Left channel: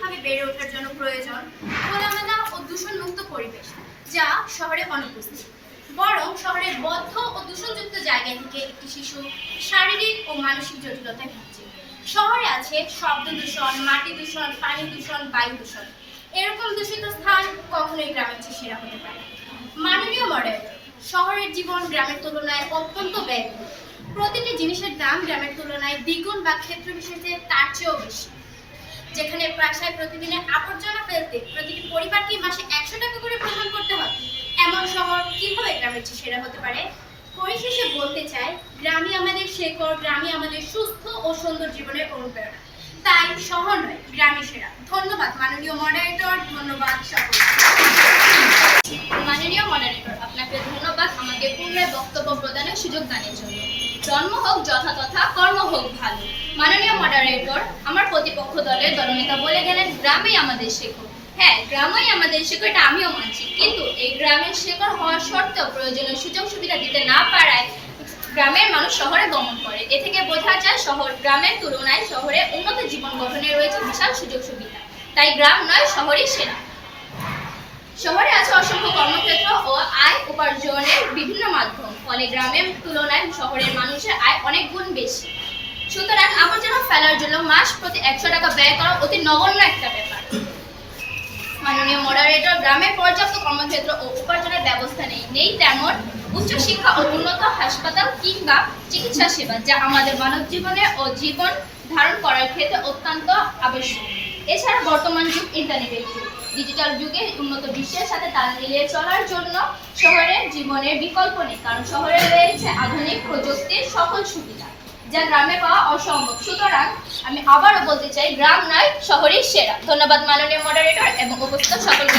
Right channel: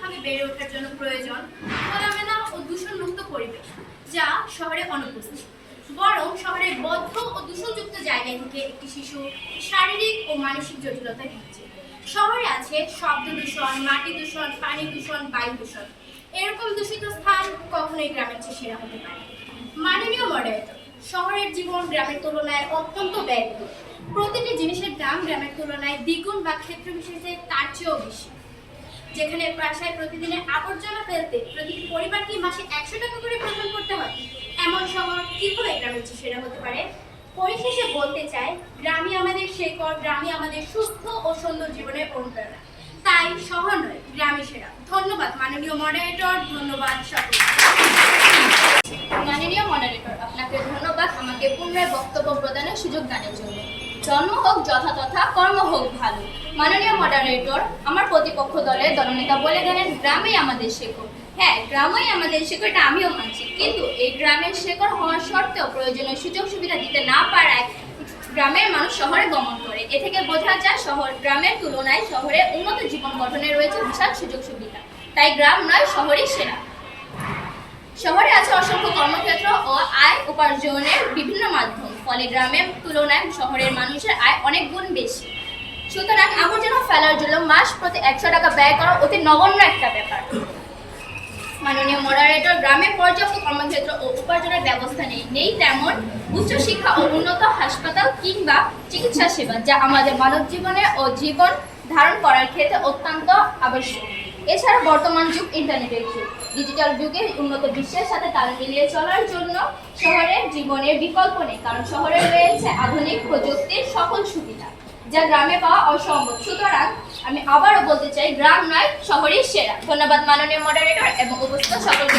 সুন্দরভাবে বেড়ে ওঠার জন্য প্রয়োজন খোলামেলা ও দূষণমুক্ত পরিবেশ, যা শহরে অনুপস্থিত। বরং শহরের বদ্ধ ও দূষণযুক্ত জায়গা থেকে একটি শিশু শারীরিক ও মানসিক জটিলতায় ভুগছে শহরে আছে শব্দ দূষণ, মাটি দূষণ, পানি দূষণ, বায়ু দূষণ। এরকম দূষিত স্থান কখনোই গ্রামের চেয়ে সেরা হতে পারে। মাননীয় মডেল শহরের জীবন গ্রামের তুলনায় অত্যন্ত ব্যয়বহুল। প্রতিটি জিনিসের দাম গ্রামের তুলনায় দ্বিগুণ বা ক্ষেত্র বিশেষে তার চেয়েও বেশি। যেখানে প্রায় প্রতিদিনে আবর্জনা ফেলতে প্রতিটি পরিবারকে মাসে একশো টাকা করে গ্রহণ করতে হয়। এমন শহর কীভাবে গ্রামের চেয়ে সেরা হতে পারে? পরিশেষে বলতে চাই, গ্রামই আমাদের শেকড় গ্রামই আমাদের সুস্থ ও সুন্দর জীবনের অনুপ্রেরণা। তাই শহর নয় গ্রামে সেরা। ধন্যবাদ, মাননীয় মডারেটর ধন্যবাদ সকল মাননীয় মডারেটর আপনাকে ধন্যবাদ আমাকে পুনরায় বক্তব্য প্রদানের সুযোগ দানের জন্য। জন্ম হোক যথাতথা কর্ম হোক ভালো। মাননীয় মডারেটর আমার প্রতিপক্ষ দলের দলনেতা বলে গেলেন, গ্রামেই আমাদের শেকড় হ্যাঁ গ্রামেই আমাদের শেকড় এটা আমিও মানছি। কিন্তু এই গ্রামের শেকড় হওয়া সত্ত্বেও প্রয়োজনীয় সুযোগ সুবিধা দিতে না পারায় গ্রামের মানুষ শহরে গমন করে। এ থেকে বোঝা যায়, শহর, গ্রামের তুলনায় শহরে উন্নত জীবন গঠনে রয়েছে বিশাল সুযোগ সুবিধা। তাই গ্রাম নয়, শহরই সেরা। শহরে আছে অসংখ্য কর্মক্ষেত্র ও আয় উপার্জনের বিভিন্ন মাধ্যম। ফলে গ্রামের তুলনায় শহরের মানুষের আয় অনেক গুণ বেশি। সুতরাং আবর্জনা ফেলার জন্য মাস প্রতি একশো টাকা ব্যয় করা অতি নগণ্য একটা ব্যাপার। মাননীয় মডারেটর গ্রামে পর্যাপ্ত কর্মক্ষেত্র ও উপার্জনের ব্যবস্থা নেই। নেই তেমন উচ্চশিক্ষা ও উন্নত হাসপাতাল কিংবা চিকিৎসা সেবা, যা আমাদের মানব জীবনে ও জীবন ধারণ করার ক্ষেত্রে অত্যন্ত আবশ্যক। এছাড়া বর্তমান যুগ ইন্টারনেটের যুগ ডিজিটাল যুগে উন্নত বিশ্বের সাথে তাল মিলিয়ে চলার জন্য শহরের জীবনের বিকল্প নেই, কারণ শহরে রয়েছে আধুনিক প্রযুক্তির সকল সুবিধা, যা গ্রামে পাওয়া অসম্ভব। সুতরাং আমি আবারও বলতে চাই, গ্রাম নয় শহরের সেরা। ধন্যবাদ মাননীয় মডারেটর এবং উপস্থিত সকলকে।